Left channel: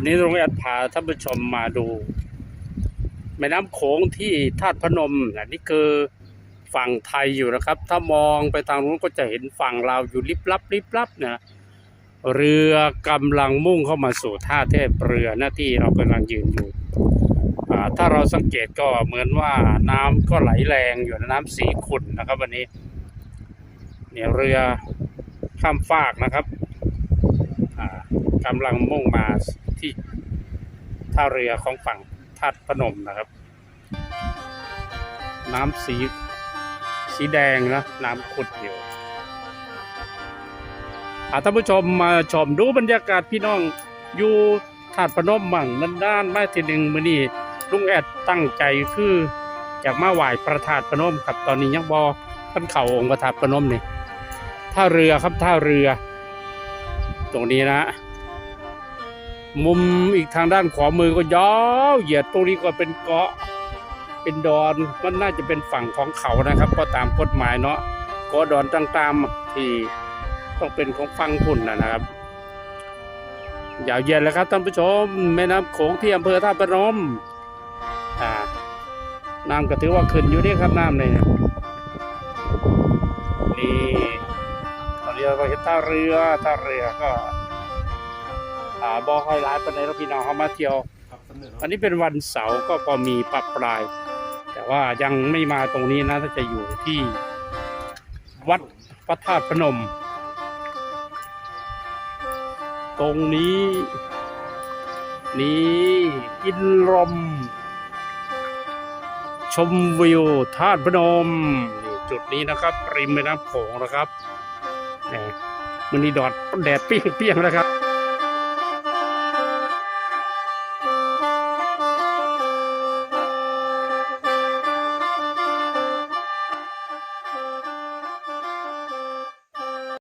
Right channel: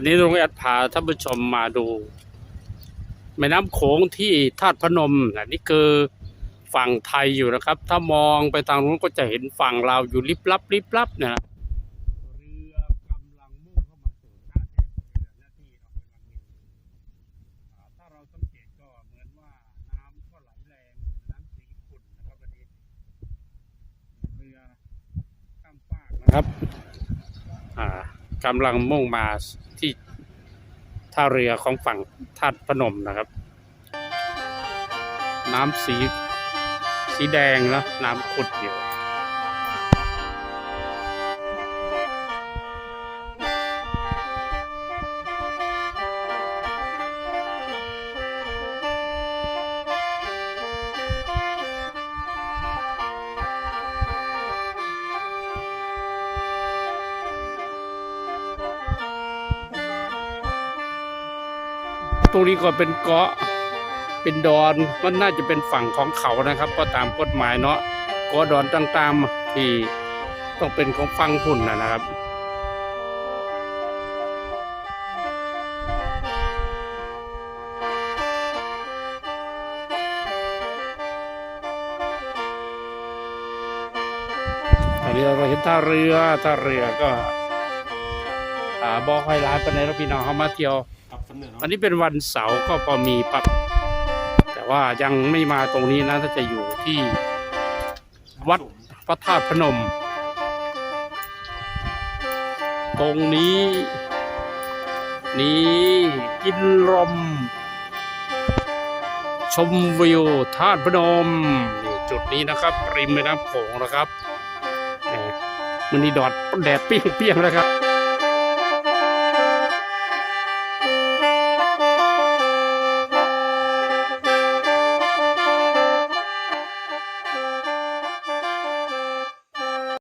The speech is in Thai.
วันนี้ลุงแอดพาท่านผู้ชมมาดู แม่น้ำโขงที่ธาตุพนมนะนี่คือฝั่งไทยอยู่นะครับ ถ้ามองไปทางนู้นก็จะเห็นฝั่งเราวอยู่ลิบลับลิบลับนี่ยเรือกำลังมุ่งเข้ามาสู่ท่าเทียบเรือหน้าที่เรากำลังยืนอยู่ถ้าเราสังเกตก็เหมือนว่าน้ำก็ไหลแรงอยู่น้ำสีขุ่นนะครับ วันนี้ เนี่ยเรือข้ามฟากนะครับกำลังมุ่งมา ที่ท่าเรือของฝั่งธาตุพนมนะครับ น้ำสีสีแดงนะน้ำขุดอยู่ท่านผู้ชมมาชมดูบรรยากาศพี่น้องอยู่ธาตุพนมมั่งมันด้านมาทีหนึ่งมือนี้ลุงแอดตั้งใจคือจะมาไหว้พระธาตุพนมครับตอนนี้ยังบอขันเข่าองค์พระธาตุพนมนี่ท่าเรือครับท่าเรือ ตรงนี้นะ มุมอีกทางด้านขวามือก็ยาวเหยียดตรงนี้ก็เป็นเกาะ เป็นดอนมันน่าจะเป็นฝั่งของเขานะครับ ก็ตามกฎหมายเนาะเกาะดอนต่างๆที่ต้องเป็นของฝั่งพุ่นนะครับยาวเหยียดแล้วครับท่านผู้ชมแม่น้ำโขงที่อำเภอท่าประนมอ่าน้ำก็ถือว่าขึ้นอยู่นี่ครับน้ำเลยนี่ตอนนี้เราเห็นท่าเรือท่าเรือก็าบอค่อยร้ายปานในเราพี่น้องเขามาเที่ยว ครับสำเร็จอันนี้เป็นวันเสาร์ก็พอมีปักปลาย แต่ว่ายังไม่มาตรงนี้นะถ้าจะอยู่ที่วัดพระธาตุพนม ตรงนี้ นี่กินลม ชมวิวธาตุพนมนี่จุดนี้นะครับ ริมแม่น้ำโขงนะครับแหมมันนี่ดอดแดดเปรี้ยงๆนะครับ